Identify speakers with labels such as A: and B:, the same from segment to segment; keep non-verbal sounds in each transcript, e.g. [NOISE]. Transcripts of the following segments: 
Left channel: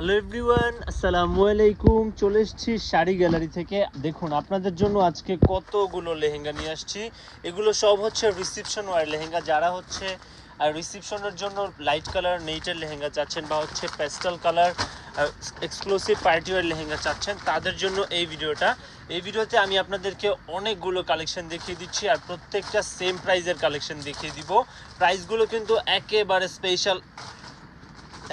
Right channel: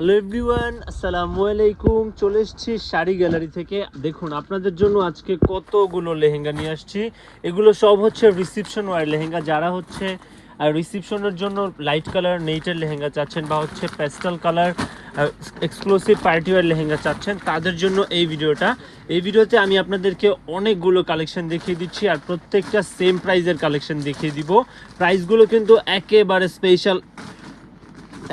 A: Hello everyone আসসালামু আলাইকুম চলে এসেছি শাড়ি গ্যালারি থেকে। দেখুন, আপনাদের জন্য আজকে কতগুলো লেহেঙ্গা নিয়ে আসছি। এগুলো সব হচ্ছে রিসিপশন ওয়ার লেহেঙ্গা। যারা হচ্ছে আর রিসিপশনের জন্য লাইট কালার নেইটের লেহেঙ্গা চাচ্ছেন বা হচ্ছে pastel colour exclusive party wear lehenga চাচ্ছেন, তাদের জন্য এই ভিডিওটা। এই ভিডিওতে আমি আপনাদেরকে অনেকগুলো কালেকশন দেখিয়ে দিচ্ছি আর প্রত্যেকটা সেম প্রাইজের কালেকশন দেখিয়ে দিব। প্রাইসগুলো কিন্তু একেবারে স্পেশাল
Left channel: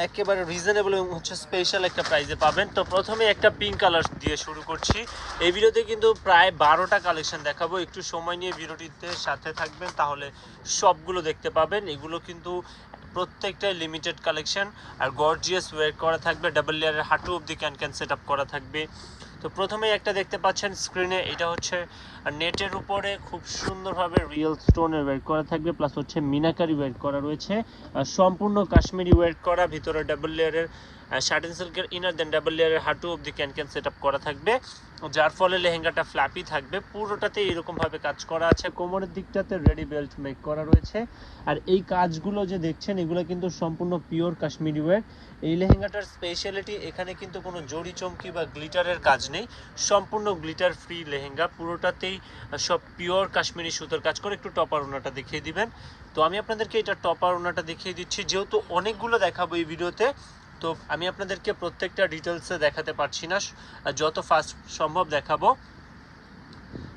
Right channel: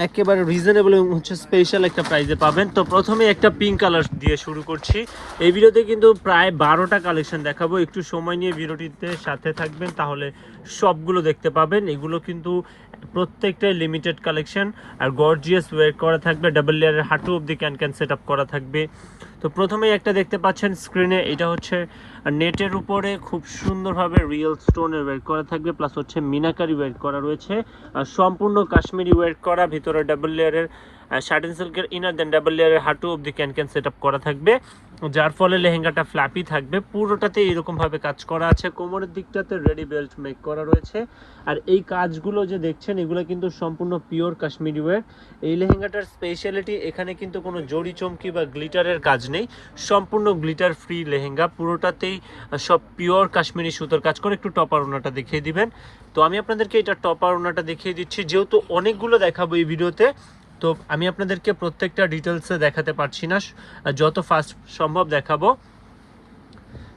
A: একেবারে রিজনেবল এবং হচ্ছে স্পেশাল একটা প্রাইজে পাবেন। তো প্রথমে একটা পিঙ্ক কালার দিয়ে শুরু করছি। এই ভিডিওতে কিন্তু প্রায় বারোটা কালেকশন দেখাবো। একটু সময় নিয়ে ভিডিওটিতে সাথে থাকবেন, তাহলে সবগুলো দেখতে পাবেন। এগুলো কিন্তু প্রত্যেকটাই লিমিটেড কালেকশন আর গর্জিয়াস ওয়ের করা থাকবে ডাবল লেয়ারের হাঁটু অব্দি ক্যান ক্যান সেট করা থাকবে। তো প্রথমেই একটা দেখতে পাচ্ছেন স্ক্রিনে এটা হচ্ছে নেটের উপরে খুব সুন্দরভাবে রিয়েল স্টোনের ওয়েট করা থাকবে প্লাস হচ্ছে মিনাকারি ওয়েট করা রয়েছে সম্পূর্ণ কাশ্মীরি ওয়েট করা, ভিতরে ডাবল লেয়ারের শার্টিন সিল্কের ইনার দেন ডাবল লেয়ারের হাঁটু অব্দি ক্যান ক্যান সেট করা থাকবে। যার ফলে লেহেঙ্গাটা ফ্ল্যাপি থাকবে। পুরোটাতে এরকমভাবে কাজ করা আছে। কোমরের দিকটাতে রেডি বেল্ট মেক করা রয়েছে। আর এই কাজগুলো যে দেখছেন, এগুলো কিন্তু সম্পূর্ণ পিওর কাশ্মীরি ওয়ের এই লেহেঙ্গাটার স্পেশালিটি এখানে কিন্তু কোনো জড়ি চমকি বা গ্লিটারের কাজ নেই। সম্পূর্ণ গ্লিটার ফ্রি লেহেঙ্গা। পুরোটাতেই সব পিওর কাশ্মীরি সুতোর কাজ করে। একটু টপার ওনাটা দেখিয়ে দিবেন। তো আমি আপনাদেরকে এটা টপার ওনাটা দেখিয়ে দিচ্ছি। যেহেতু অনেকগুলো দেখাবো এই ভিডিওতে তো আমি আপনাদেরকে প্রত্যেকটা ডিটেলসে দেখাতে পারছি না। যত ফাস্ট সম্ভব দেখাবো।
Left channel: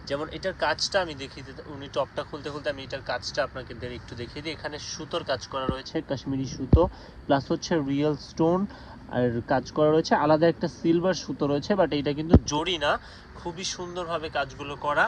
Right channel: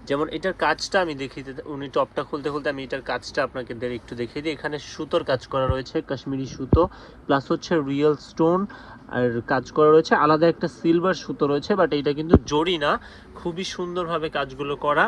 A: যেমন এটার কাজটা আমি দেখিয়ে উনি টপটা খুলতে খুলতে আমি এটার কাজটা আপনাকে একটু দেখিয়ে দিই। এখানে সুতোর কাজ করা রয়েছে, কাশ্মীরি সুতো প্লাস হচ্ছে রিয়েল স্টোন আর কাজ করা রয়েছে। আলাদা একটা সিলভার সুতো রয়েছে বাট এটা কিন্তু জড়ি না। খুবই সুন্দরভাবে কাজগুলো করা।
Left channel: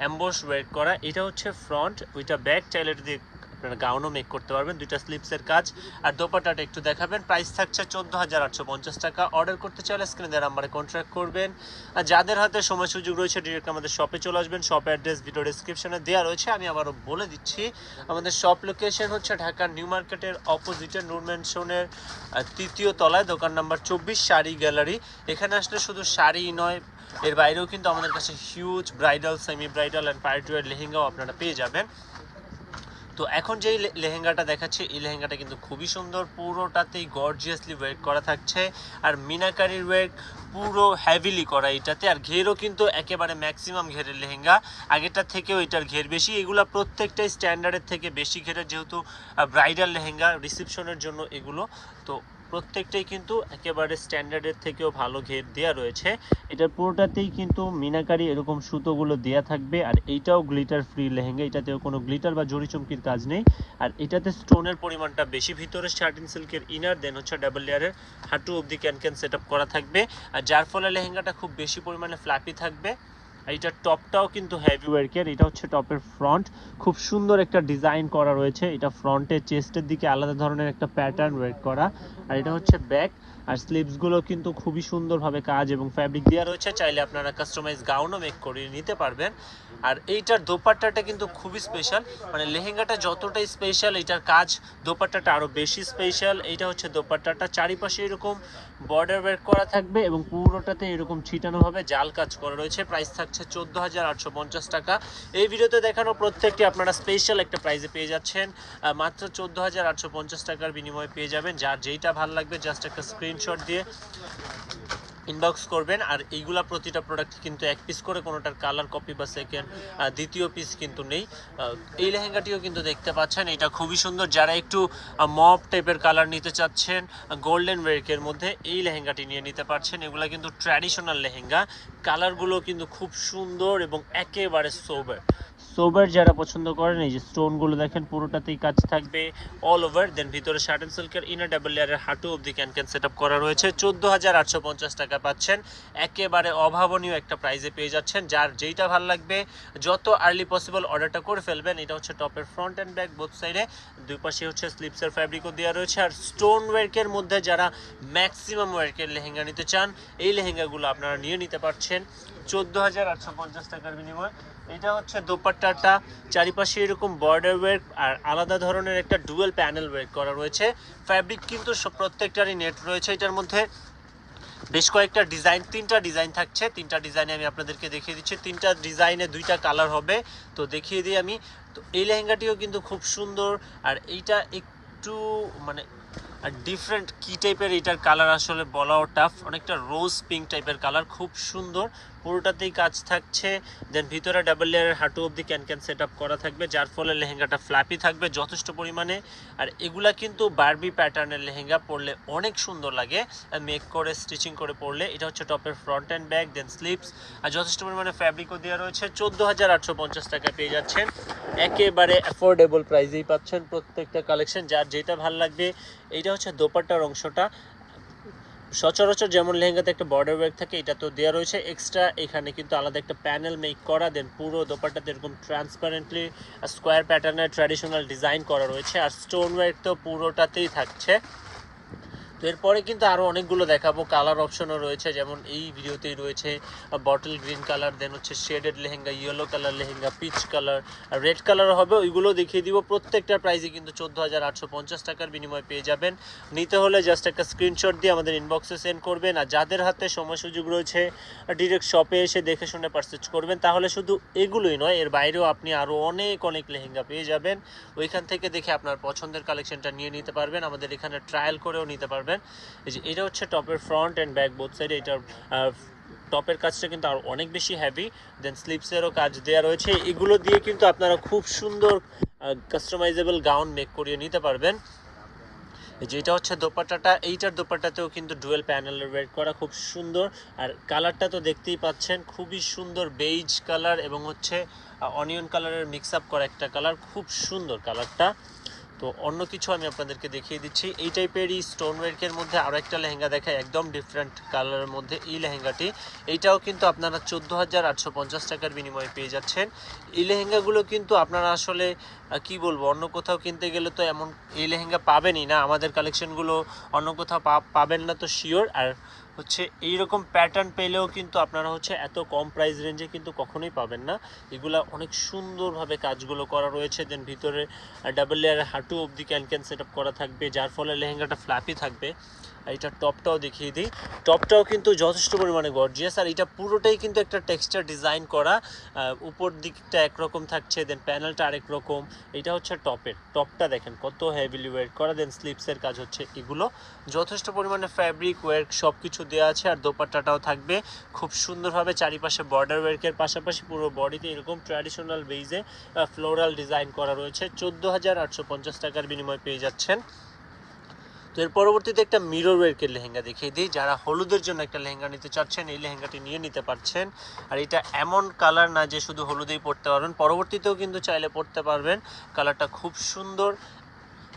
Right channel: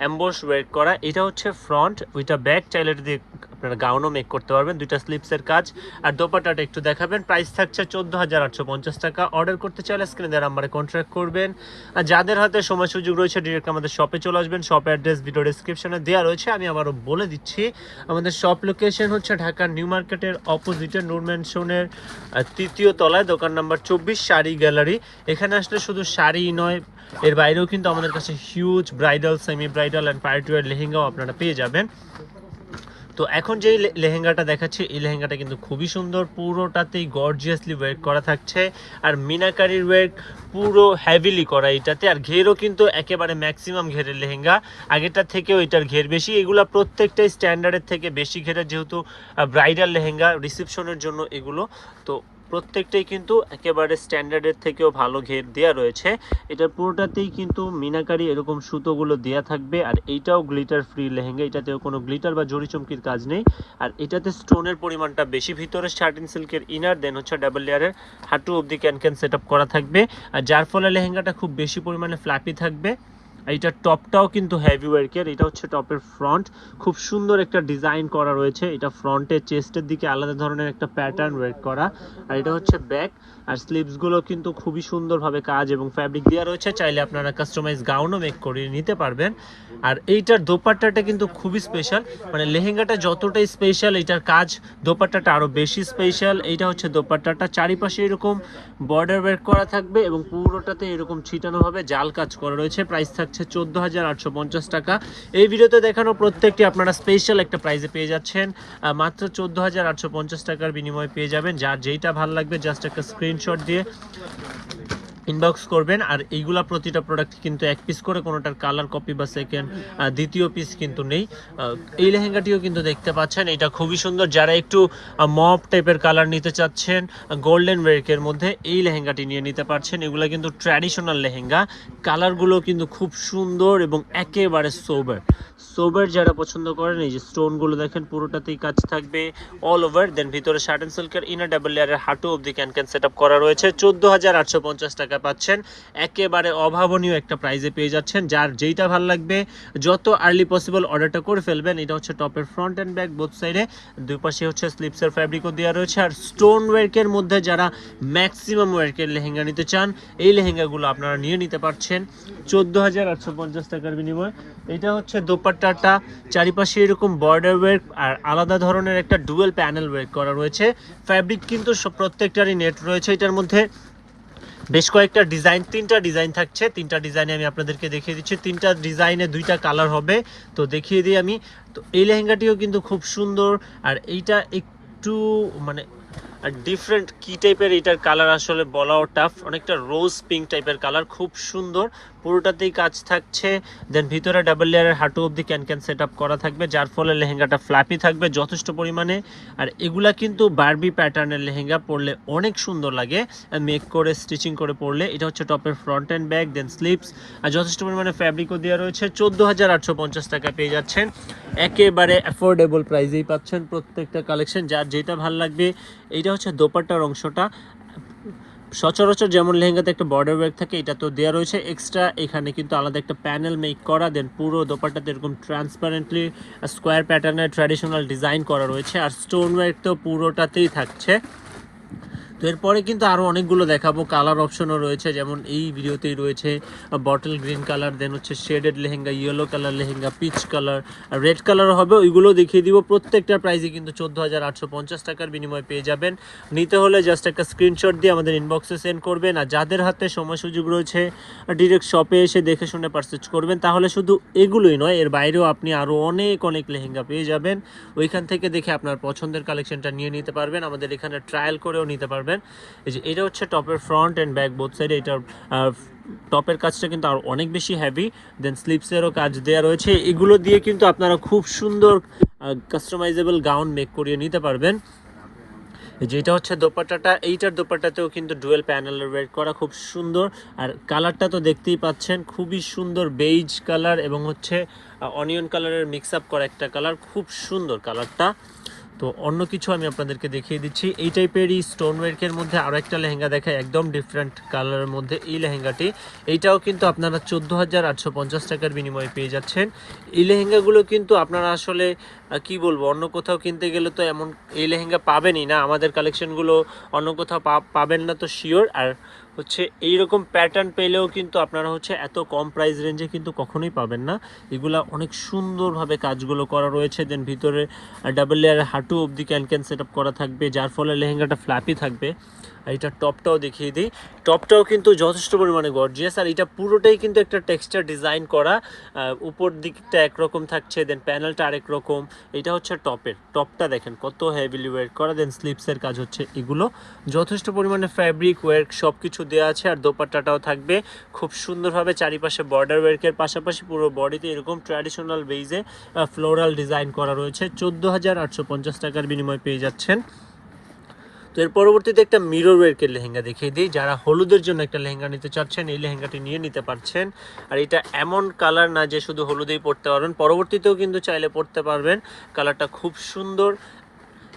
A: অ্যাম্বস ওয়েট করা। এটা হচ্ছে ফ্রন্ট ওইটা ব্যাক এটা দিয়ে আপনারা গাউনও মেক করতে পারবেন। দুইটা স্লিপসের কাজ। আর দোপাটাটা একটু দেখাবেন। প্রাইস থাকছে চোদ্দ হাজার আটশো পঞ্চাশ টাকা। অর্ডার করতে চাইলে স্ক্রিনে দেওয়ার নাম্বারে কন্ট্যাক্ট করবেন। আর যাদের হাতে সময় সুযোগ রয়েছে ডিরেক্ট আমাদের শপে চলে আসবেন। শপ অ্যাড্রেস ভিডিও ডিসক্রিপশনে দেওয়া রয়েছে। আমি আবারও বলে দিচ্ছি, আমাদের শপ লোকেশন হচ্ছে ঢাকার নিউ মার্কেটের অপোজিটে নূর ম্যানশনের তৃতীয় তলায়, দোকান নাম্বার চব্বিশ, শাড়ি গ্যালারি এখানে আসলে শুধু শাড়ি নয়, এর বাইরেও কিন্তু আমাদের কাছে huge bridal semi bridal and party wear লেহেঙ্গাও আপনারা পেয়ে যাবেন। তো এখন যেই লেহেঙ্গাটা দেখাচ্ছে, এই লেহেঙ্গাটা কিন্তু খুবই সুন্দর। পুরোটাতেই গর্জিয়াসলি ওয়েক করা থাকছে। আর মিনাকারির ওয়েক পুরো হ্যাভিলি করা এটাতে। আর ঘেরও কিন্তু একেবারে ম্যাক্সিমাম ঘেরের লেহেঙ্গা। আগেরটার থেকেও এটার ঘের বেশি। এগুলো প্রত্যেকটাই স্ট্যান্ডার্ডের থেকে বেশি ঘেরা যেহেতু ব্রাইডাল লেহেঙ্গা রিসেপশনের জন্য এগুলো। তো প্রত্যেকটাই কিন্তু একেবারে স্ট্যান্ডার্ডের থেকেও ভালো ঘের দেওয়া রয়েছে। এটা পুরোটাতেই কিন্তু মিনাকারি এরকম সুতোগুলো দেয়া থাকবে, আর এইটাও গ্লিটার ফ্রি লেহেঙ্গা, এটাতেও কোনো গ্লিটার বা জড়ি চমকির কাজ নেই। আর এটাতে স্টোনের পরিমাণটা বেশি, ভিতরে শার্টিন সিল্কের ইনার দেন হচ্ছে ডাবল লেয়ারের হাঁটু অবধি ক্যান ক্যান সেট করা থাকবে। আর যার ফলে লেহেঙ্গাটা খুব বেশি পরিমাণে ফ্ল্যাপি থাকবে। আর টপটাও কিন্তু হেভি ওয়ার্কের এটা হচ্ছে টপের ফ্রন্ট খুব সুন্দর একটা ডিজাইন করা রয়েছে। এটা ফ্রন্টের চেস্টের দিকে আলাদা ধরনের একটা প্যাটার্ন ওয়ার্ক করা। আর এটা হচ্ছে ব্যাক আর স্লিভসগুলো কিন্তু খুবই সুন্দরভাবে কাজ এবং ফ্যাব্রিক দেওয়া রয়েছে। চাইলে আপনারা কাস্টমাইজ গাউনও মেক করিয়ে নিতে পারবেন। আর এইটার দোপাট্টাটা কিন্তু খুবই স্পেশাল মানে লেহেঙ্গাটা যতটাই স্পেশাল এইটার কাজ দোপাট্টাটা আরও বেশি স্পেশাল এইটা হচ্ছে দোপাট্টাটা। চারিপাশে এরকম বর্ডার ওয়েট করা থাকবে এবং পুরোটাতে এরকম ছিটানোভাবে জাল কাজ করা রয়েছে। প্রাইস থাকছে চোদ্দ হাজার আটশো পঞ্চাশ টাকা। এই ভিডিওতে দেখানো প্রত্যেকটি আপনারা স্পেশাল একটা প্রাইজে পেয়ে যাচ্ছেন। মাত্র চোদ্দ হাজার আটশো পঞ্চাশ টাকার বিনিময়ে পেয়ে যাবেন। যার যেইটা ভালো লাগবে জাস্ট একটা স্ক্রিনশট দিয়ে। ইনবক্স করবেন, আর এইগুলা প্রতিটা প্রোডাক্ট কিন্তু এক পিস করে, কোনোটার কালার কপি বা সেকেন্ড দ্বিতীয় পিস কিন্তু নেই। এই লেহেঙ্গাটিও কিন্তু দেখতে পাচ্ছেন, এটা খুবই সুন্দর। যারা একটু মপ টাইপের কালার নিতে চাচ্ছেন গোল্ডেন ওয়েকের মধ্যে এই লেহেঙ্গাটি নিয়ে নিতে পারছেন। এগুলো কিন্তু ট্র্যাডিশনাল লেহেঙ্গা। কালারগুলো কিন্তু খুব সুন্দর এবং একেবারে সোবার সোবার যারা পছন্দ করেন, এই যে স্টোনগুলো দেখেন, পুরোটাতেই কাজ থাকবে অল ওভার দেন ভিতরে শার্ট অ্যান্ড সিল্কের ইনার ডাবল লেয়ারের হাঁটু অবধি ক্যান ক্যান সেট করা রয়েছে। চোদ্দ হাজার আটশো পঞ্চাশ টাকা পাচ্ছেন। একেবারে অভাবনীয় একটা প্রাইজে পেয়ে যাচ্ছেন। যার যেইটা ভালো লাগবে, যত আর্লি পসিবল অর্ডারটা করে ফেলবেন, এটা হচ্ছে টপের ফ্রন্ট অ্যান্ড ব্যাক বোথ সাইডে দুই পাশে হচ্ছে স্লিপসের ফ্যাব্রিকও দেওয়া রয়েছে। আর স্টোন ওয়ার্কের মধ্যে যারা ম্যাক্সিমাম ওয়ার্কের লেহেঙ্গা নিতে চান, এই লেহেঙ্গাগুলো আপনারা নিয়ে নিতে পারছেন। চোদ্দ হাজার আটশো পঞ্চাশ টাকার বিনিময়ে। এটা হচ্ছে দোপাট্টাটা। চারিপাশে এরকম বর্ডার ওয়ার্ক আর আলাদা ধরনের একটা ডুয়েল প্যানেল ওয়ার্ক করা রয়েছে। ফ্যাব্রিক কিন্তু প্রত্যেকটারই নেট রয়েছে। এটার মধ্যে বেশ কয়েকটা ডিজাইন তিনটা ডিজাইন থাকছে। তিনটা ডিজাইনে আমি আপনাদেরকে দেখিয়ে দিচ্ছি। তিনটা ডিজাইনে দুইটা কালার হবে। তো দেখিয়ে দিই আমি। তো এই লেহেঙ্গাটিও কিন্তু খুব সুন্দর। আর এইটা একটু মানে ডিফারেন্ট কি টাইপের এটার কালার আসলে বলাও টাফ অনেকটা রোজ পিঙ্ক টাইপের কালার খুব সুন্দর। পুরোটাতেই কাজ থাকছে। দেন ভিতরে ডাবল লেয়ারের হাঁটু অবধি ক্যান ক্যান সেট করা থাকবে, যার ফলে লেহেঙ্গাটা ফ্ল্যাপি থাকবে যথেষ্ট পরিমাণে। আর এগুলা কিন্তু বার্বি প্যাটার্নের লেহেঙ্গা পরলে অনেক সুন্দর লাগে। মেক করে স্টিচিং করে পরলে এটা হচ্ছে টপের front and back then slips আর যথেষ্ট পরিমাণে ফ্যাব্রিকও দেওয়া রয়েছে। চোদ্দ হাজার আটশো পঞ্চাশ টাকা পেয়ে যাচ্ছেন। একেবারে অ্যাফোর্ডেবল প্রাইসেই পাচ্ছেন প্রত্যেকটা কালেকশন যার যেটা ভালো লাগবে, এইটা হচ্ছে দোপাট্টার অংশটা। সচরাচর যেমন লেহেঙ্গাতে একটা বর্ডার ওয়ার্ক থাকে, এটা তো দেওয়া রয়েছে এক্সট্রা এখানে কিন্তু আলাদা একটা প্যানেল মেক করা দেন পুরো দোপাটাতে এরকম ট্রান্সপারেন্টলি স্কোয়ার প্যাটার্নের ট্র্যাডিশনাল ডিজাইন করা রয়েছে। আর স্টোন ওয়ার্ক তো পুরোটাতেই থাকছে। তো এরপরে কিন্তু আরও অনেকগুলো দেখাবো। কালার অপশনও রয়েছে, যেমন এই ভিডিওতেই রয়েছে বটল গ্রিন কালার দেন হচ্ছে shaded lehenga yellow colour lehenga peach colour red colour হবে, ওইগুলো দেখিয়ে দিব। প্রত্যেকটা প্রাইসে কিন্তু চোদ্দ হাজার আটশো পঞ্চাশ টাকার বিনিময়ে পেয়ে যাবেন। নিতে হলে জাস্ট একটা স্ক্রিনশট দিয়ে আমাদের ইনবক্সে সেন্ড করবেন, আর যাদের হাতে সময় সুযোগ রয়েছে ডিরেক্ট শপে এসে দেখে শুনে পারচেজ করবেন। তাহলে শুধু এগুলোই নয়, এর বাইরেও আপনি আরও অনেক অনেক লেহেঙ্গা পেয়ে যাবেন। ওইখান থেকে দেখে আপনার পছন্দের কালেকশনটা নিয়ে নিতে পারবেন। আমাদের এখানে ট্রায়াল করেও নিতে পারবেন। এই যে এটা হচ্ছে টপের ফ্রন্ট অ্যান্ড ব্যাক বোথ সাইডে এটার টপের কাজটা কিন্তু আর অনেক বেশি হ্যাভি দেন স্লিপসেরও কাজ দেওয়া রয়েছে। এগুলো দিয়ে কিন্তু আপনারা খুব সুন্দর কাস্টমাইজেবল গাউন মেক করিয়ে নিতে পারবেন। যেটা হচ্ছে দোপাট্টাটা, এইটার দোপাট্টাতেও কিন্তু ডুয়েল প্যানেলের ওয়েট করা খুব সুন্দর। আর কালারটা তো দেখতেই পাচ্ছেন, খুবই সুন্দর বেইজ কালার এবং হচ্ছে অনিয়ন কালারের মিক্স আপ করা একটা কালার খুব সুন্দর কালারটা তো অন্য কিছু আমি আপনাদেরকে দেখিয়ে দিচ্ছি। এই টাইপেরই স্টোন ওয়ার্কের মধ্যে আরও একটা লেহেঙ্গা দেখায় একদম ডিফারেন্ট কালারের মধ্যে এই লেহেঙ্গাটি। এইটাও কিন্তু আপনারা চোদ্দ হাজার আটশো পঞ্চাশ টাকার বিনিময়ে পেয়ে যাচ্ছেন। এই লেহেঙ্গাগুলো কিন্তু আপনারা আসলে কি বলব, অন্য কোথাও কিনতে গেলে তো এমন এই লেহেঙ্গা পাবেনই না। আমাদের কালেকশনগুলো অন্য কোথাও পাবেন না তো শিওর আর হচ্ছে এইরকম প্যাটার্ন পেলেও কিন্তু আপনারা হচ্ছে এত কম প্রাইস রেঞ্জে কিন্তু কখনোই পাবেন না। এগুলা অনেক সুন্দরভাবে কাজগুলো করা রয়েছে। দেন ভিতরে ডাবল লেয়ার হাঁটু অবধি ক্যান ক্যান সেট করা থাকবে, যার ফলে লেহেঙ্গাটা ফ্ল্যাপি থাকবে। আর এটা টপটাও দেখিয়ে দিই। টপটাও কিন্তু যথেষ্ট পরিমাণে গর্জিয়াস আর এটা পুরোটাই কিন্তু একটা টেক্সচার ডিজাইন করা। উপর দিকটা একরকম থাকছে দেন প্যানেলটা আরেক রকম। এটা হচ্ছে টপের। টপটা দেখেন কত হেভিলি ওয়েট করা দেন স্লিপসের কাজ হচ্ছে এগুলো। যথেষ্ট পরিমাণে ফ্যাব্রিক ওয়ার্ক সব কিছু দেওয়া আছে আর দোপাট্টাটাও থাকবে। খুব সুন্দরভাবে চারিপাশে বর্ডার ওয়ার্কের পাশাপাশি পুরো বডিতে এরকম ট্র্যাডিশনাল বেইজে ফ্লোরাল ডিজাইন করা রয়েছে। চোদ্দ হাজার আটশো পঞ্চাশ টাকার বিনিময়ে পেয়ে যাচ্ছেন। তো এর পরবর্তীতে একটা মিরর ওয়ার্কের লেহেঙ্গা দেখিয়ে দিই। যারা হলুদের জন্য একটা লেহেঙ্গা নিতে চাচ্ছেন, এই লেহেঙ্গাটি নিয়ে নিতে পারছেন। আর এটা এমন কালার না যে শুধু হলুদেই পরতে পারবেন। পরবর্তীতেও কিন্তু চাইলে পরতে পারবেন। কালারটা খুব সুন্দর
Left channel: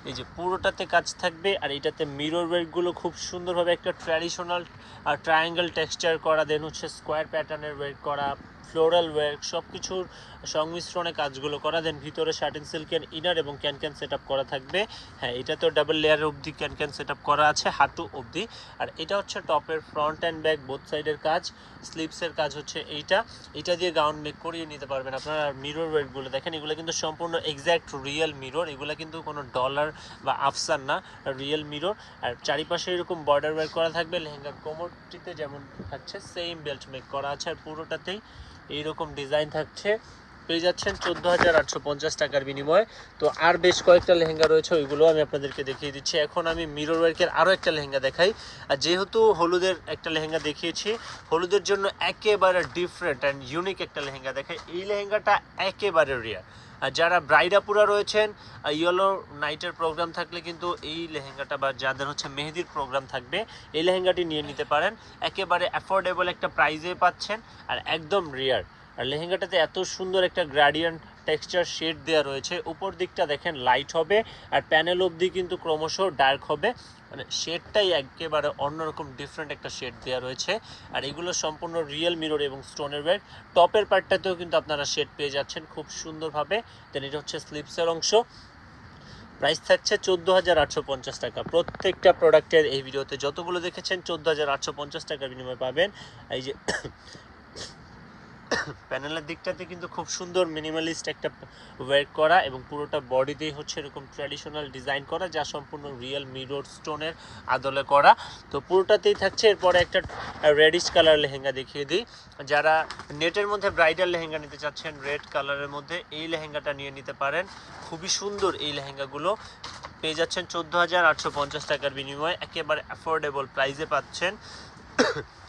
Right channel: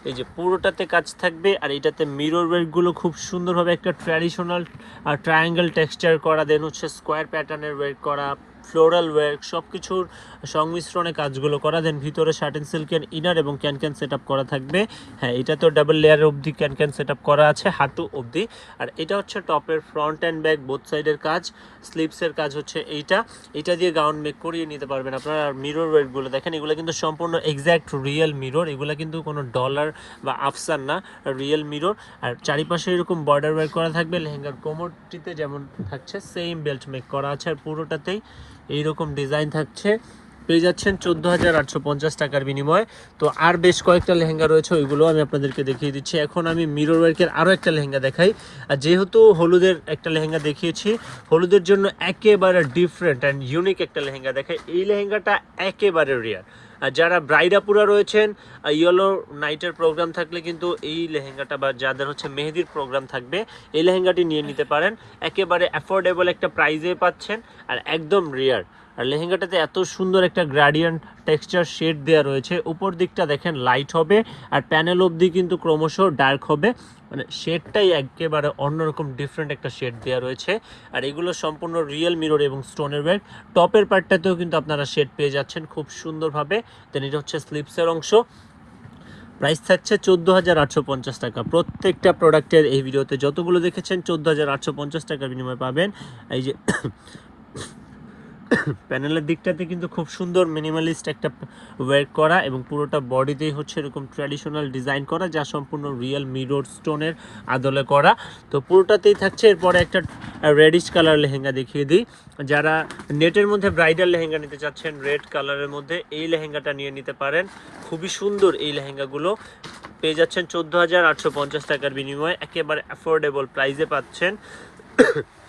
A: এই যে পুরোটাতে কাজ থাকবে আর এটাতে মিরর ওয়ার্কগুলো খুব সুন্দরভাবে একটা ট্র্যাডিশনাল ট্রায়াঙ্গেল টেক্সচার করা দেন হচ্ছে স্কোয়ার প্যাটার্নের ওয়ার্ক করা ফ্লোরাল ওয়ার্ক সব কিছুর সংমিশ্রণে কাজগুলো করা দেন ভিতরে শার্টেন সিল্কের ইনার এবং ক্যান ক্যান সেট করা থাকবে। হ্যাঁ এটা তো ডাবল লেয়ার অবধি ক্যান ক্যান সেট করা আছে, হাঁটু অবধি। আর এটা হচ্ছে টপের ফ্রন্ট অ্যান্ড ব্যাক বোথ সাইডের কাজ। স্লিপসের কাজ হচ্ছে এইটা। এটা দিয়ে গাউন মেক করিয়ে নিতে পারবেন আপনারা। মিরর ওয়েটগুলো দেখেন, এগুলো কিন্তু সম্পূর্ণ এক্স্যাক্ট রিয়েল মিরর এগুলো কিন্তু কোনো ডলার বা আফসান না রিয়েল মিরর আর চারিপাশে এরকম বর্ডার ওয়ার্ক করা থাকবে লেহেঙ্গার কোমরটিতে যেমন থাকছে সেম বেল্ট মেক করা আছে। আর পুরোটাতেই এইরকম ডিজাইন থাকছে। পেয়ে যাচ্ছেন চোদ্দ হাজার আটশো পঞ্চাশ টাকার বিনিময়ে। তো আর বেশ কয়েকটা লেহেঙ্গা রয়েছে, ওইগুলো আমি আপনাদেরকে দেখিয়ে দিচ্ছি। এখন আমি মিরর ওয়ার্কের আরও একটা লেহেঙ্গা দেখাই। আর যেহেতু হলুদের একটা লেহেঙ্গা দেখিয়েছি, হলুদের জন্য একেবারে ডিফারেন্ট অ্যান্ড ইউনিক একটা লেহেঙ্গা দেখাই। এই লেহেঙ্গাটা একেবারে রিয়ার আর যারা ব্রাইডাপুরা রয়েছেন ইয়েলো নাইটের প্রোগ্রাম থাকলে কিন্তু এই লেহেঙ্গাটা বা যাদের হচ্ছে মেহেদির প্রোগ্রাম থাকবে, এই লেহেঙ্গাটি নিয়ে নিতে পারেন। একেবারে অ্যাফোর্ডেবল একটা প্রাইজে পাচ্ছেন, আর একদম রিয়ার আর লেহেঙ্গাটাতে এত সুন্দর একটা গ্রাডিয়ান্ট টেক্সচার শেড দেওয়া রয়েছে। উপর দিকটা দেখেন লাইট হবে আর প্যানেল অবধি কিন্তু ক্রমশ ডার্ক হবে। মানে শেডটাই একেবারে অন্যরকম ডিফারেন্ট একটা শেড দেওয়া রয়েছে। আর এগুলো সম্পূর্ণ রিয়েল মিরর এবং স্টোনের ব্যাগ টপের পার্টটাতেও কিন্তু আপনারা শেড পেয়ে যাচ্ছেন খুব সুন্দরভাবে। দেন এটা হচ্ছে স্লিপসের অংশ। প্রাইস থাকছে চোদ্দ হাজার আটশো পঞ্চাশ টাকা। প্রত্যেকটা প্রোডাক্টের এই ভিডিওতে যতগুলো দেখেছেন চোদ্দ হাজার আটশো পঞ্চাশ টাকার বিনিময়ে পাবেন। এই যে প্যানেলের দিকটাতে কিন্তু খুব সুন্দর মিনিমালিস্ট একটা ওয়ার্ক করা এবং পুরোটা বডিতেই হচ্ছে এরকম ট্র্যাডিশনাল ডিজাইন করা যা সম্পূর্ণ রিয়েল মিরর স্টোনের আদলে করা। তো পুরোটাতেই থাকছে, এরপরে একটা রেডিশ কালার লেহেঙ্গা দেখিয়ে দিই। যারা নেটের মধ্যে ব্রাইডাল লেহেঙ্গা নিতে চাচ্ছেন রেড কালারের মধ্যে এই লেহেঙ্গাটা নিয়ে নিতে পারেন। খুবই সুন্দর এই লেহেঙ্গাগুলো। পেয়ে যাচ্ছেন চোদ্দ হাজার আটশো পঞ্চাশ টাকার বিনিময়ে, একেবারে অ্যাফোর্ডেবল প্রাইসে পাচ্ছেন।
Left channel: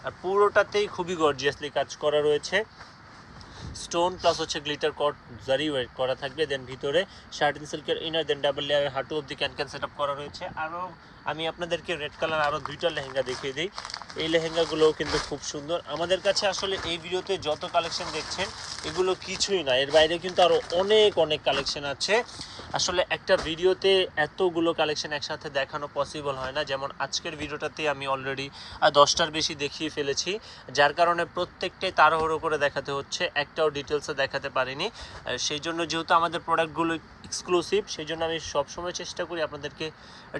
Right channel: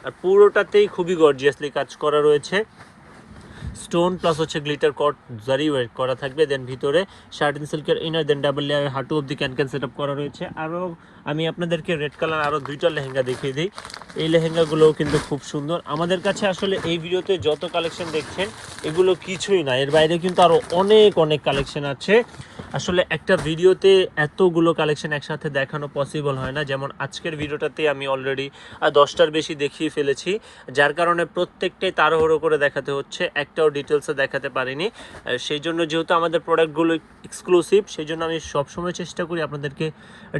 A: আর পুরোটাতেই খুবই গর্জিয়াসলি কাজ করা রয়েছে। স্টোন প্লাস হচ্ছে গ্লিটার কট জারি করা থাকবে দেন ভিতরে শার্টিন সিল্কের ইনার দেন ডাবল লেয়ারের হাঁটু অব্দি ক্যান ক্যান সেট করা রয়েছে। আরও আমি আপনাদেরকে রেড কালার আরও দুইটা লেহেঙ্গা দেখিয়ে দিই। এই লেহেঙ্গাগুলোও কিন্তু খুব সুন্দর। আমাদের কাছে আসলে এই ভিডিওতে যত কালেকশন দেখছেন, এগুলো কিছুই না। এর বাইরে কিন্তু আরও অনেক অনেক কালেকশন আছে। আসলে একটা ভিডিওতে এতগুলো কালেকশন একসাথে দেখানো পসিবল হয় না। যেমন আজকের ভিডিওটাতে আমি অলরেডি দশটার বেশি দেখিয়ে ফেলেছি। যার কারণে প্রত্যেকটাই তাড়াহুড়ো করে দেখাতে হচ্ছে। একটাও ডিটেলসে দেখাতে পারিনি। সেই জন্য যেহেতু আমাদের প্রোডাক্টগুলো এক্সক্লুসিভ সেই জন্য আমি সবসময় চেষ্টা করি আপনাদেরকে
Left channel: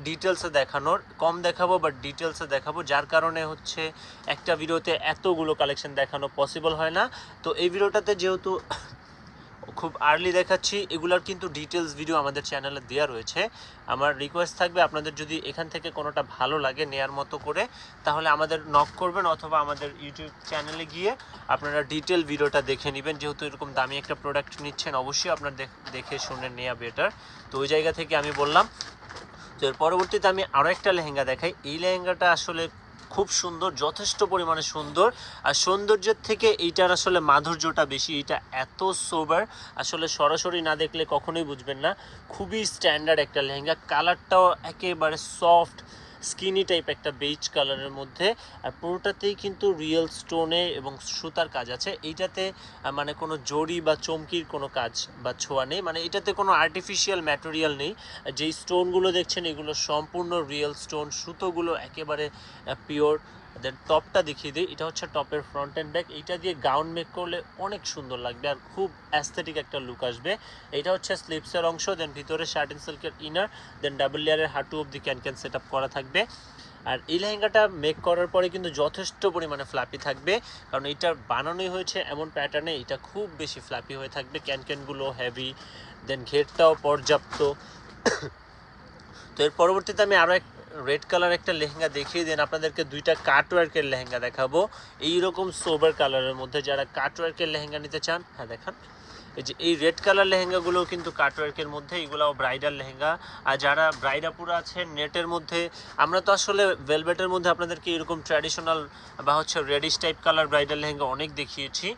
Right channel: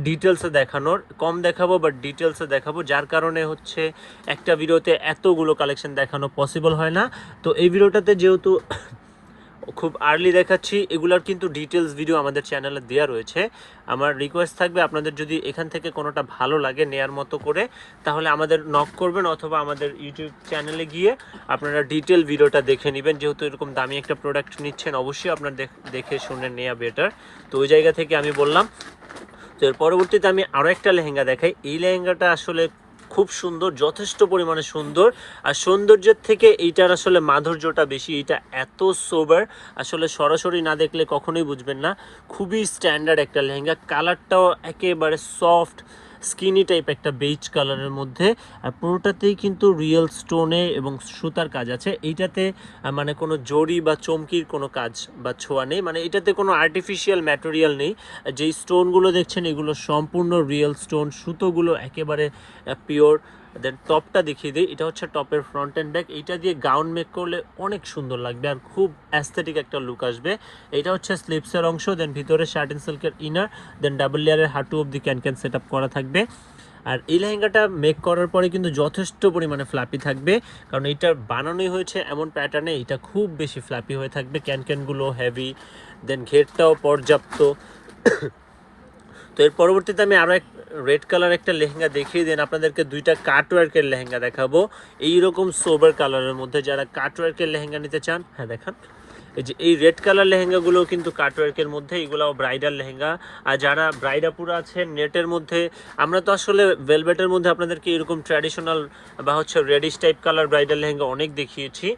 A: ডিটেলসে দেখানোর। কম দেখাবো বাট ডিটেলসে দেখাবো। যার কারণে হচ্ছে একটা ভিডিওতে এতগুলো কালেকশন দেখানো পসিবল হয় না। তো এই ভিডিওটাতে যেহেতু খুব আর্লি দেখাচ্ছি। এগুলার কিন্তু ডিটেলস ভিডিও আমাদের চ্যানেলে দেওয়া রয়েছে। আমার রিকোয়েস্ট থাকবে আপনাদের যদি এখান থেকে কোনোটা ভালো লাগে নেয়ার মতো করে, তাহলে আমাদের নক করবেন অথবা আমাদের ইউটিউব চ্যানেলে গিয়ে আপনারা ডিটেল ভিডিওটা দেখে নেবেন। যেহেতু এরকম দামি একটা প্রোডাক্ট নিচ্ছেন, অবশ্যই আপনার দেখ- শুনে নেওয়া বেটার তো ওই জায়গা থেকে আমি বললাম, তো এর পরবর্তীতে আমি আরও একটা লেহেঙ্গা দেখাই। এই লেহেঙ্গাটা আসলে খুব সুন্দর, যথেষ্ট পরিমাণে সুন্দর। আর সৌন্দর্যের থেকে এইটার আসলে মাধুর্যটা বেশি এটা এত সোবার আসলে সরাসরি না দেখলে কখনোই বুঝবেন না। খুবই স্ট্যান্ডার্ড একটা লেহেঙ্গা কালারটাও একেবারে সফট স্কিনি টাইপ একটা বেজ কালারের মধ্যে, আর পুরোটাতেই কিন্তু রিয়েল স্টোনে এবং সুতার কাজ আছে। এইটাতে মানে কোনো জড়ি বা চমকির কোনো কাজ বা ছোঁয়া নেই। মানে এটাতে কোনো আর্টিফিশিয়াল ম্যাটেরিয়াল নেই। যেই স্টোনগুলো দেখছেন, এগুলো সম্পূর্ণ রিয়েল স্টোন। সুতোগুলো একেবারে পিওর দেন টপটা দেখিয়ে দিই। এটা হচ্ছে টপের ফ্রন্ট অ্যান্ড ব্যাক এইটা দিয়ে গাউন মেক করলে অনেক সুন্দর লাগবে আর খুব অ্যাস্থেটিক একটা লুক আসবে। এটা হচ্ছে স্লিপসের অংশ দেন ভিতরে শার্ট অ্যান্ড সিল্কের ইনার দেন ডাবল লেয়ারের হাঁটু অব্দি ক্যান ক্যান সেট করা থাকবে। আর এই লেহেঙ্গাটা মেক করার পরে কিন্তু যথেষ্ট পরিমাণে ফ্ল্যাপি থাকবে। কারণ এটা বানানোই হয়েছে এমন প্যাটার্নে এটা খুব বেশি ফ্ল্যাপি হয়ে থাকবে। ক্যান ক্যানগুলো হেভি দেন ঘেরটাও পর্যাপ্ত। [COUGHS] তো এর পরবর্তীতে আমি আরও এক রেড কালার একটা লেহেঙ্গা দেখিয়ে দেন, আপনাদেরকে দুইটা কাটওয়ার্কের লেহেঙ্গা দেখাবো। এইরকম সোবার কালারের মধ্যে যারা কাটওয়ার্কের লেহেঙ্গা নিতে চান হ্যাঁ দেখান। এই যে এই রেড কালার লেহেঙ্গাগুলো কিন্তু কাটওয়ার্কের মধ্যে এগুলাও ব্রাইডাল লেহেঙ্গা। আর যারা ব্রাইডাপুরা আছেন নেটের মধ্যে, আমরা তো আসলে ভেলভেটের মধ্যে আপনাদেরকে এরকম ট্র্যাডিশনাল বা হচ্ছে reddish type colour bridal lehenga অনেক দেখিয়েছি।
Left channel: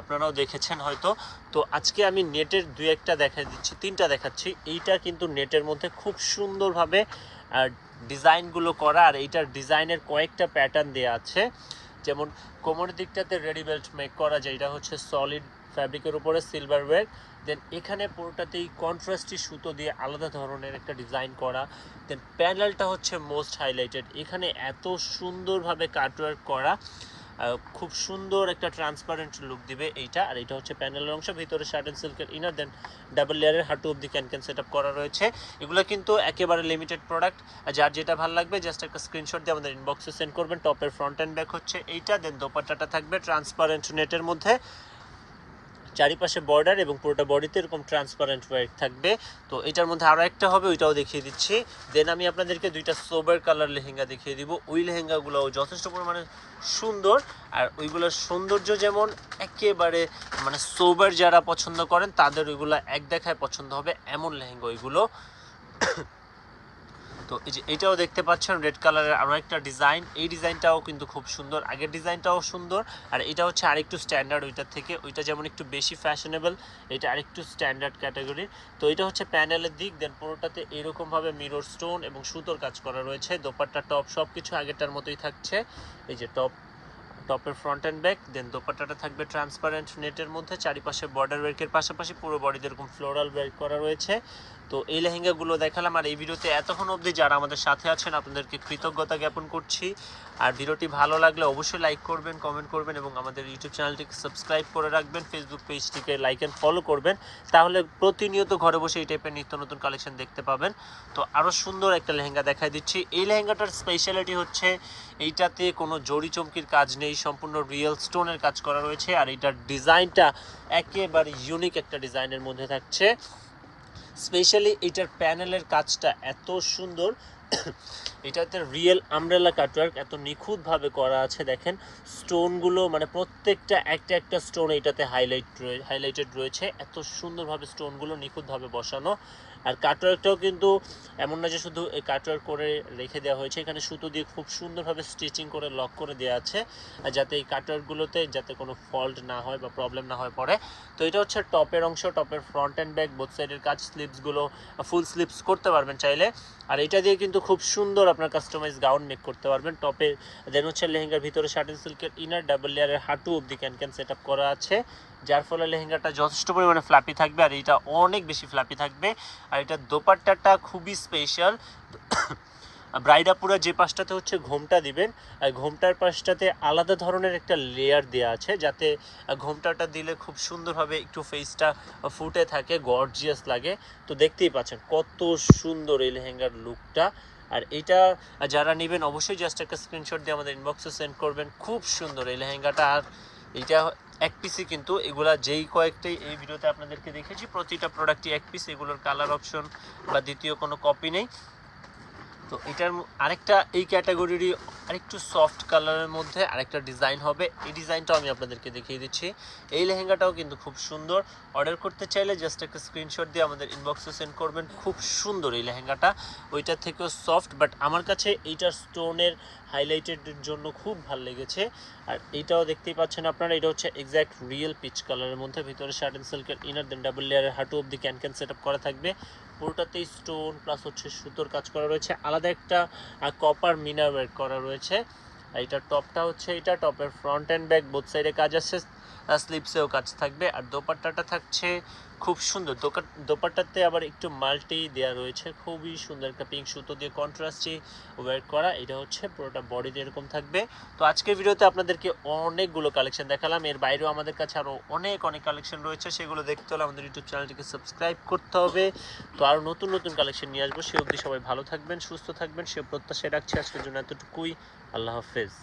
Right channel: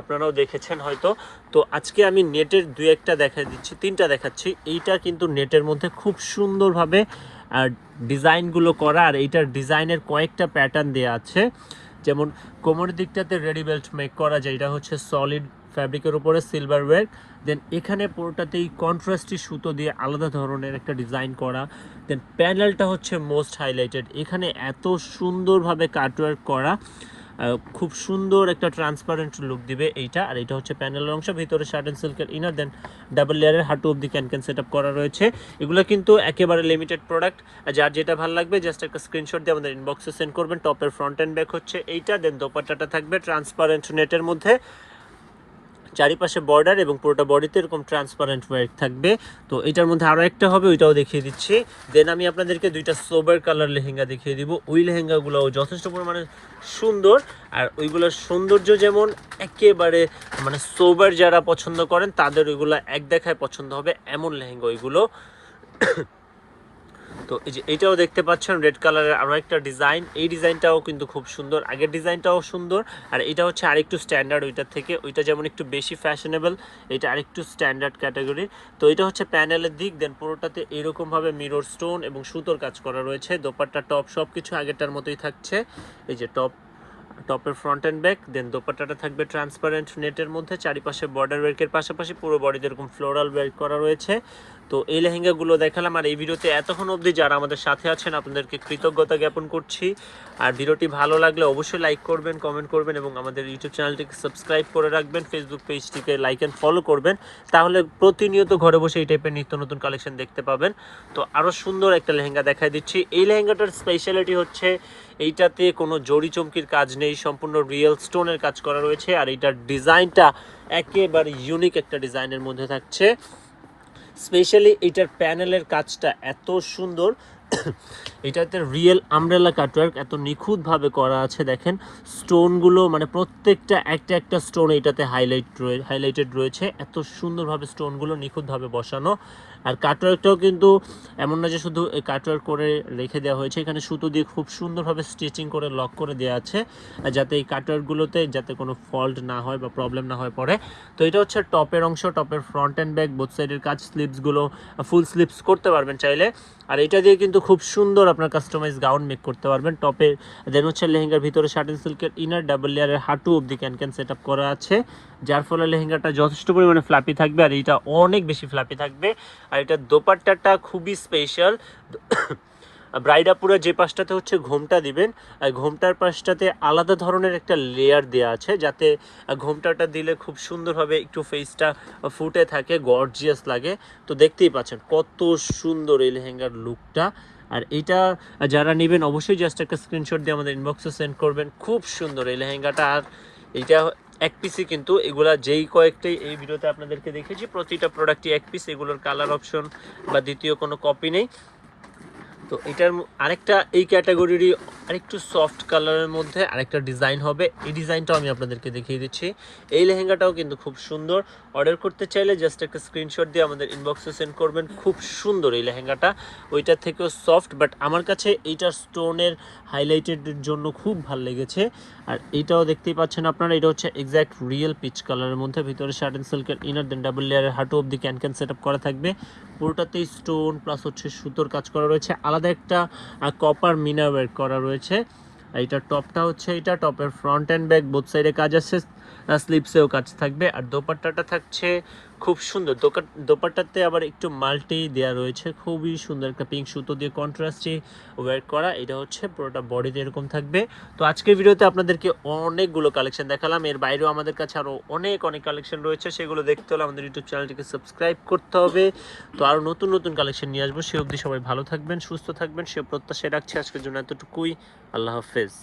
A: আপনারাও দেখেছেন হয়তো। তো আজকে আমি নেটের দু একটা দেখা দিচ্ছি, তিনটা দেখাচ্ছি। এইটা কিন্তু নেটের মধ্যে খুব সুন্দরভাবে আর ডিজাইনগুলো করা, আর এইটার ডিজাইনের কয়েকটা প্যাটার্ন দেওয়া আছে। যেমন কোমরের দিকটাতে রেডি বেল্ট মেক করা যায় এটা হচ্ছে সলিড ফ্যাব্রিকের উপরে সিলভার ওয়ার্ক দেন এখানে পুরোটাতেই কন্ট্রাস্টি সুতো দিয়ে আলাদা ধরনের একটা ডিজাইন করা দেন প্যানেলটা হচ্ছে মোস্ট হাইলাইটেড এখানে এত সুন্দরভাবে কাটওয়ার্ক করা খুব সুন্দর একটা ট্রান্সপারেন্ট লুক দিবে এইটা, আর এটা হচ্ছে প্যানেলের অংশ, ভিতরে শার্ট অ্যান্ড সিল্কের ইনার দেন ডাবল লেয়ারের হাঁটু অব্দি ক্যান ক্যান সেট করা রয়েছে। এগুলো কিন্তু একেবারে লিমিটেড প্রোডাক্ট যার যেটা ভালো লাগবে জাস্ট একটা স্ক্রিনশট দিয়ে আমাদের ইনবক্সে সেন্ড করবেন টপের ফ্রন্ট অ্যান্ড ব্যাক হচ্ছে এইটা দেন দোপাট্টাটা থাকবে ট্রান্সপারেন্ট নেটের মধ্যে। চারিপাশে বর্ডার এবং পুরোটা বডিতে এরকম ট্রান্সপারেন্ট ওয়ার্ক থাকবে। তো এটার মধ্যে আরও একটা হবে, ওইটাও দেখিয়ে দিচ্ছি। দেন আমি আপনাদেরকে দুইটা সোবার কালার লেহেঙ্গা দেখিয়ে দিব। ওই লেহেঙ্গাগুলোও যথেষ্ট পরিমাণে সুন্দর। আর ওইগুলোর সৌন্দর্য যেমন একেবারে মানে সোবার যারা পছন্দ করেন, তাদের ওইগুলো এক দেখায় পছন্দ হবে। এমন লেহেঙ্গা ওইগুলো। তো এই যে এটাও দেখতে পাচ্ছেন রেড কালারের আরও একটা ডিজাইন। এই ডিজাইনটাও কিন্তু খুব সুন্দর। আগের ডিজাইনটাও সুন্দর। আর এটা হচ্ছে আরেকটু স্ট্যান্ডার্ড ওইটার থেকে। ওইটা যেমন একটু বেশি ফ্যাশনেবল এটা আরেকটু স্ট্যান্ডার্ড ক্যাটাগরির তো এটা হচ্ছে প্যানেলের দিক। দেন পুরোটাতে এরকমভাবে মিরর স্টোন এবং সুতোর কাজ করা রয়েছে। দোপাট্টা টপ সব কিছু আগেরটার মতোই থাকছে। এই যে টপ টপের ফ্রন্ট অ্যান্ড ব্যাক দেন দোপাট্টাটা থাকবে ট্রান্সপারেন্ট নেটের মধ্যে। চারিপাশে বর্ডার ওয়ার্কের পাশাপাশি পুরো বডিতে এরকম ফ্লোরাল ওয়ার্ক করা রয়েছে। তো এই লেহেঙ্গাগুলো দেখালাম আর এই ভিডিওতে এতক্ষণ অবধি যারা আমাদের সাথে আছেন, আপনাদেরকে কৃতজ্ঞতা জ্ঞাপন করছি। আর ভিডিওটি ভালো লাগলে অবশ্যই লাইক করবেন কমেন্ট করবেন এবং আমাদের ইউটিউব চ্যানেলটিকে সাবস্ক্রাইব করে রাখবেন ফেসবুক পেজটিকে লাইক অ্যান্ড ফলো করবেন। তাহলে প্রতিনিয়ত ঘরে বসে এই টাইপের নিত্য নতুন কালেকশন দেখতে পাবেন। তো আরও সুন্দর একটা লেহেঙ্গা দেখাই দিচ্ছি। এই লেহেঙ্গাটার স্পেশালিটি হচ্ছে এইটাতে কোনো জড়ি চমকির কাজ নেই, সম্পূর্ণ রিয়েল স্টোনের কাজ করা রয়েছে। আর এইটার ডিজাইনটা একেবারে ইউনিক একটা ডিজাইনের মধ্যে থাকছে। স্পেশালি এটার প্যানেলের কাজটা এত সুন্দর এটাতে রিয়েল আমব্রেলা কাটওয়ার্ক এত নিখুঁতভাবে করা আছে, দেখেন। স্টোনগুলো মানে প্রত্যেকটা, একটা একটা স্টোন এটাতে হাইলাইট রয়ে হাইলাইটেড রয়েছে। এত সুন্দরভাবে স্টোনগুলো নিখুঁতভাবে বসানো। আর কাটওয়ার্কটাও কিন্তু এমন না যে শুধু কাটওয়ার্ক করে রেখে দেওয়া হয়েছে, এখানে সুতো দিয়ে খুব সুন্দরভাবে স্টিচিং করে লক করে দেওয়া আছে, আর যাতে এই কাটওয়ার্কগুলোতে যাতে কোনো ফল্ট না হয় বা প্রবলেম না হয় পরে তো এটা হচ্ছে টপের অংশ, টপের ফ্রন্ট অ্যান্ড ব্যাক বোথ সাইডের কাজ স্লিপসগুলো ফুল স্লিপস করতে পারবেন চাইলে। আর এটা দিয়ে কিন্তু খুব সুন্দর আপনার কাস্টমাইজ গাউন মেক করতে পারবেন। টপে দেন হচ্ছে লেহেঙ্গার ভিতরে শার্ট সিল্কের ইনার ডাবল লেয়ারের হাঁটু অবধি ক্যান ক্যান সেট আপ করা আছে। যার ফলে লেহেঙ্গাটা যথেষ্ট পরিমাণে ফ্লাপি থাকবে আর এটা অনেক বেশি ফ্লাপি থাকবে। আর এটা দোপাট্টাটা খুবই স্পেশাল ব্রাইডাপুরে যে পাশটাতে হচ্ছে ঘোমটা দিবেন, আর ঘোমটার পাশটাতে আলাদা ধরনের একটা লেয়ার দেওয়া আছে, যাতে ঘোমটাটা দিলে খুব সুন্দরভাবে একটু ফেসটা ফুটে থাকে গর্জিয়াস লাগে। তো দেখতেই পাচ্ছেন কত সুন্দর এই লেহেঙ্গার লুকটা আর এটা যারা নেবেন অবশ্যই জাস্ট একটা স্ক্রিনশট দিয়ে আমাদের ইনবক্সে সেন্ড করবেন। খুব সুন্দর এই লেহেঙ্গাটা। আর এইটা এক পিসই কিন্তু এগুলা যেই কয়েকটাই এই ভিডিওতে আপনাদেরকে দেখেছি, প্রতিটা প্রোডাক্টই এক পিস এগুলোর কালার অপশন বা দ্বিতীয় কোনো কপি নেই। তো এটার আরেকটা, এই ক্যাটাগরিরই আরেকটু সফট কালারের মধ্যে আরেকটা ডিজাইন হবে। এই ডিজাইনটাও আমি আপনাদেরকে দেখিয়ে দিচ্ছি। এই লেহেঙ্গাটাও কিন্তু খুব সুন্দর। অর্ডার করতে চাইলে জাস্ট একটা স্ক্রিনশট দিয়ে আমাদের ইনবক্সে সেন্ড করবেন। খুব সুন্দর এই লেহেঙ্গাটা। ওইটার থেকেও সফট বাট আমার কাছে এইটার স্টোনের হাইলাইটেড জন্য খুব ভালো লেগেছে। আর এইটাও দেখতেই পাচ্ছেন আপনারা, এটা হচ্ছে এক্স্যাক্ট রিয়েল পিচ কালারের মধ্যে। ভিতরে শার্ট অ্যান্ড সিল্কের ইনার দেন ডাবল লেয়ারের হাঁটু অব্দি ক্যান ক্যান সেট করা থাকবে। পুরোটাতেই স্টোন প্লাস হচ্ছে সুতোর কাজ করা রয়েছে। আলাদা একটা কপার মিনার করা রয়েছে। এটা টপটা হচ্ছে এটা টপের ফ্রন্ট অ্যান্ড ব্যাক বোথ সাইডে কাজ আছে স্লিপসেও কাজ থাকবে, আর দোপাট্টাটা থাকছে খুব সুন্দর। দোপাট্টাতে আবার একটু মাল্টি দেওয়া রয়েছে, খুবই সুন্দর একটা পিঙ্ক সুতো দিয়ে কন্ট্রাস্টে ওয়ার করা, এটা হচ্ছে পুরোটা বডিতে এরকম থাকবে। তো আজকের ভিডিওতে আপনাদেরকে অনেকগুলো কালেকশন দেখালাম, এর বাইরেও আমাদের কাছে আরও অনেক অনেক কালেকশন রয়েছে, সেগুলো দেখতে হলে আমাদের ইউটিউব চ্যানেলটিকে সাবস্ক্রাইব করতে হবে। তো আরও নতুন নতুন কালেকশন নিয়ে আসব, সে অবধি সবাই ভালো থাকবেন, সুস্থ থাকবেন, সে প্রত্যাশায় রাখছি আজকের জন্য এতটুকুই। আল্লাহ হাফেজ।